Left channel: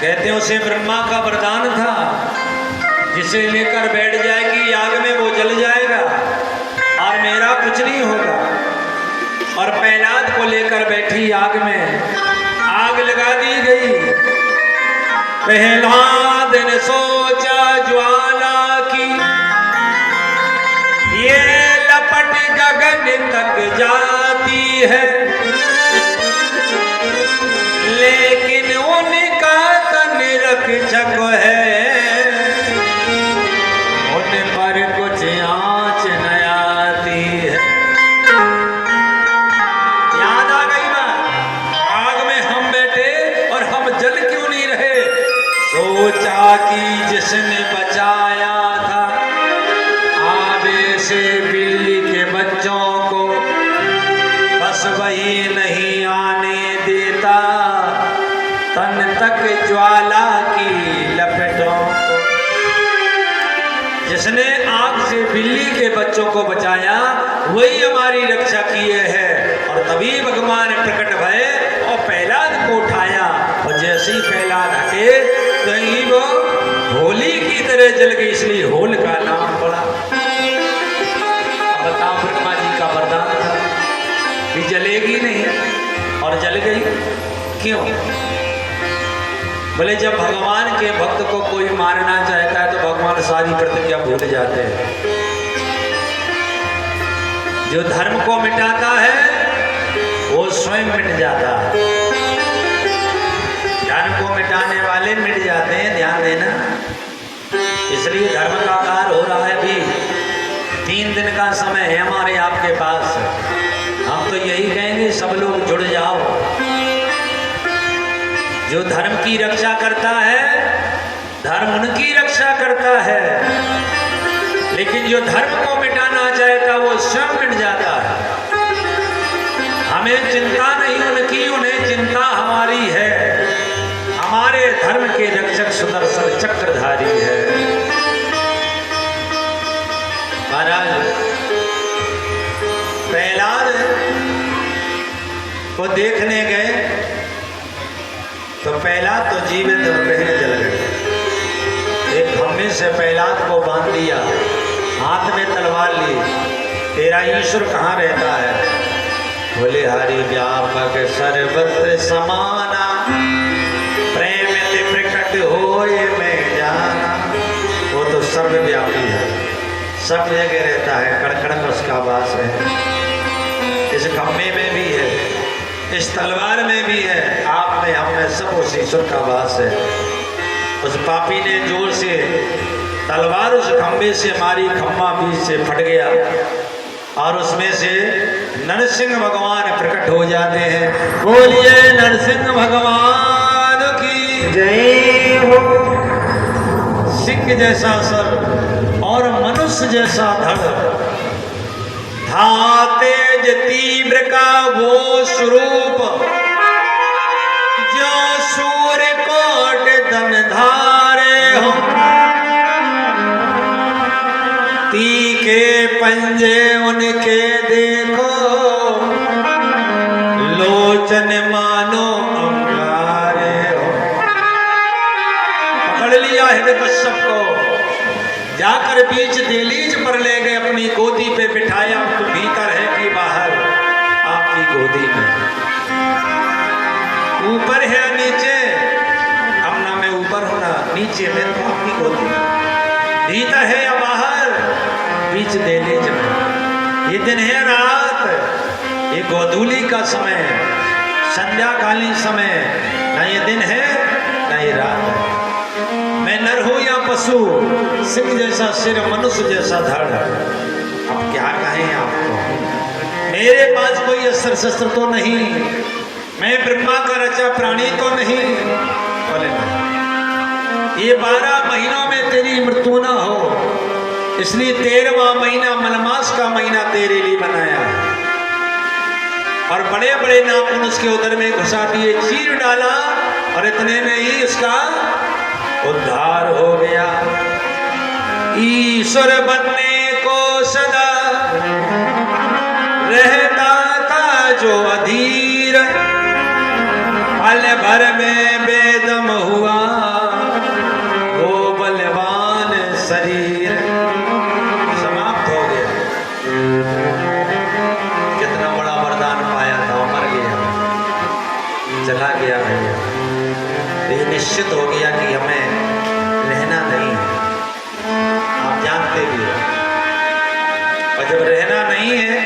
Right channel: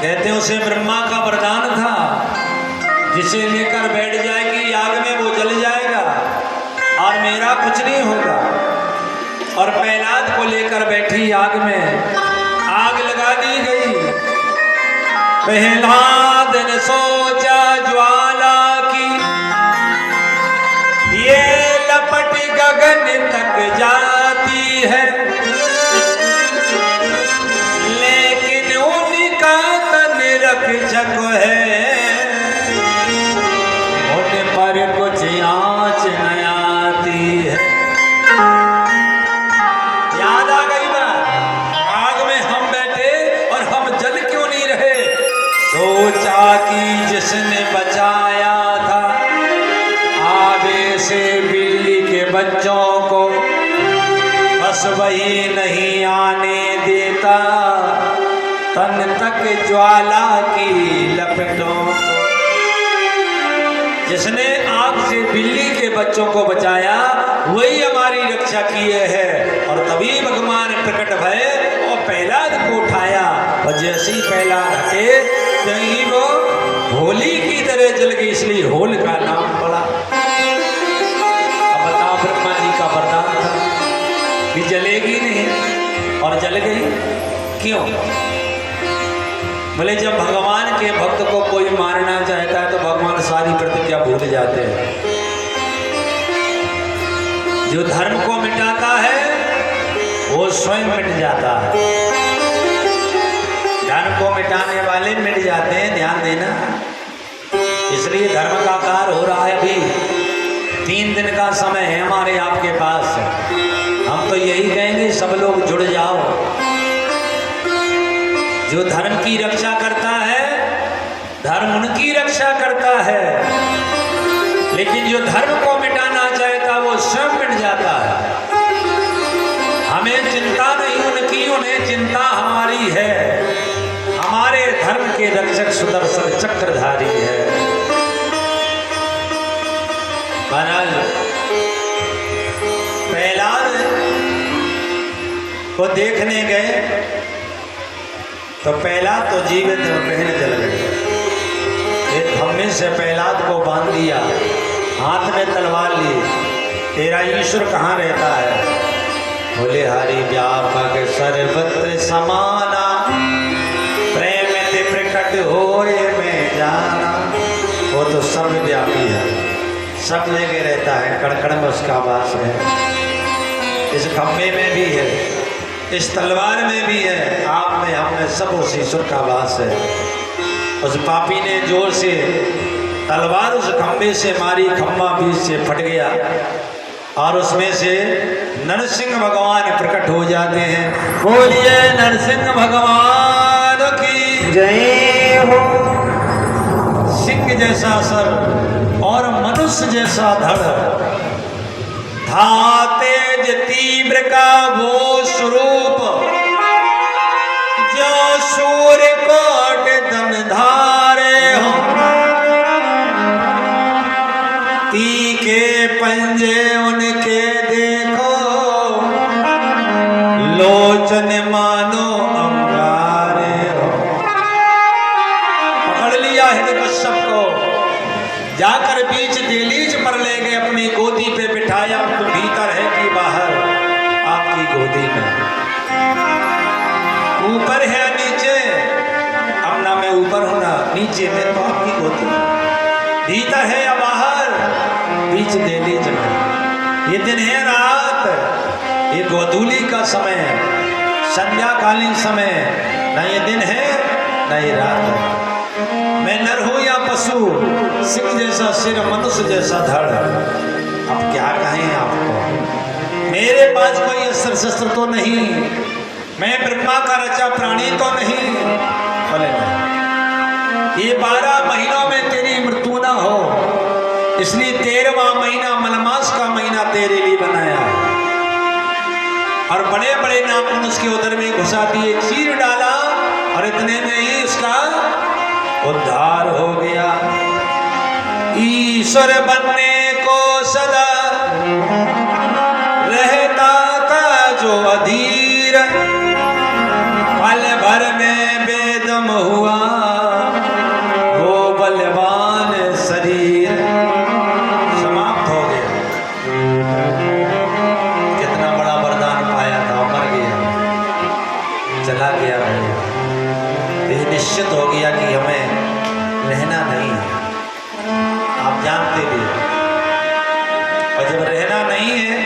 कहते हैं उसे ब्रह्मा का वरदान था, जिसे लेकर बैठ जाएगी आग में वो जल जाएगा और मेरा कुछ नहीं होगा। और प्रहलाद को लेकर बैठी आग में आग लगा दी गई। प्रहलाद ने सोचा ज्वाला की ये लपट गगन तक जाती है, लेकिन उनका तन रक्षक है, उन पर कुछ आँच न आती है। याद आ गई बात, आग में हम बैठे और हम जल क्यों नहीं रहे। सोचा कि जिसने बचाया था आबे से बिल्ली के बच्चों को, बस वही नहीं आने देता तन तक ज्वाला की लपटों को। जिसने आग से बिल्ली के बच्चों को बचाया वही हमारी रक्षा किए है। और तभी भगवान प्रकट भय और प्रहलाद को उठाया, और जैसे ही प्रहलाद हटे कहीं वो होली की तरह जल गई, इसलिए होल का नाम पड़ा। अब बताओ, ब्रह्मा जी का वरदान था कि जलेगी नहीं और जल गई, क्यों? बोले जब भगवान के भक्त को कोई मारना चाहता है तो भगवान सारी प्रतिज्ञा भूल जाते हैं। जो धर्म को मिटाता है वो स्वयं मिट जाता है। धर्म को मिटाने वाले मिट जाते हैं, ध्यान देना। इसलिए धर्म का कार्य हो रहा है। अभी 3 दिन का समय है हमारे आपके पास। हम तो यही कहेंगे सब लोग जुड़ जाओ। जो धर्म की रक्षा करता है धर्म उनकी रक्षा करता है, लेकिन जो धर्म को मिटाना चाहता वो स्वयं मिट जाता है। हमें चिंता नहीं उनकी, उन्हें चिंता हमारी है। हमारे धर्म के रक्षक सुदर्शन चक्रधारी है। महाराज प्रहलाद को देखने गए तो प्रहलाद तो जीवित बहने जल गए। एक खम्भे से प्रहलाद को बांध दिया, हाथ में तलवार ली। तेरा ईश्वर कहाँ रहता है? बोले हरि व्यापक सर्वत्र समाना, प्रेम ते प्रकट होए मैं जाना। वो तो सर्वव्यापी है, सब जगह रहता है, कण में उसका वास है। इस खम्भे में भी है, इस तलवार में भी है, आप में हम में सब उस ईश्वर का वास है। उस पापी ने जोर से तलवार उस खंभे से मारी, खंभा बीच से फट गया और उसमें से नरसिंह भगवान प्रकट हो जाते हैं। बोलिए नरसिंह भगवान की जय हो। सिंह जैसा सर और मनुष्य जैसा धड़, था तेज तीव्र का वो स्वरूप, जो सूर्य कोट दम धारे हो। तीखे पंजे उनके देखो, लोचन मानो अंगारे हो। पकड़ लिया हिरण्यकश्यप को, जाकर बीच दहलीज पर ले गए, अपनी गोदी पे बिठाया। तो भीतर है कि बाहर? आपकी गोदी में। ऊपर है नीचे? अब ना मैं ऊपर हूं ना नीचे, मैं तो आपकी गोदी। भीतर है या बाहर? बीच दहलीज में। ये दिन है रात, ये गोधूली का समय है, संध्याकालीन समय। ना ये दिन है ना ये रात है। मैं नर हूं या पशु, सिंह जैसा सिर, मनुष्य जैसा धड़। अब क्या कहें आपको? मेरे पास कोई अस्त्र शस्त्र तो नहीं, मैं ब्रह्मा का रचा प्राणी तो नहीं। बोले ये 12 महीनों में तेरी मृत्यु ना हो, इसलिए 13वां महीना मलमास का महीना तेरे लिए बनाया। और बड़े बड़े नाखून उसके उदर में घुसा दिए, चीर डाला, और इतने में ही उसका उद्धार हो गया। ईश्वर बनने को सदा रहता था जो अधीर, पल भर में बेदम हुआ निश्चित हो गया कि हमें रहना नहीं है। आप जानते भी हैं। और जब रहना नहीं है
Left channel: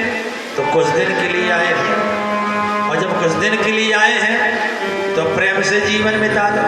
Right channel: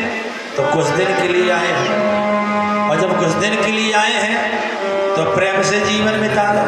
तो कुछ दिन के लिए आए हैं, और जब कुछ दिन के लिए आए हैं तो प्रेम से जीवन बिता लो।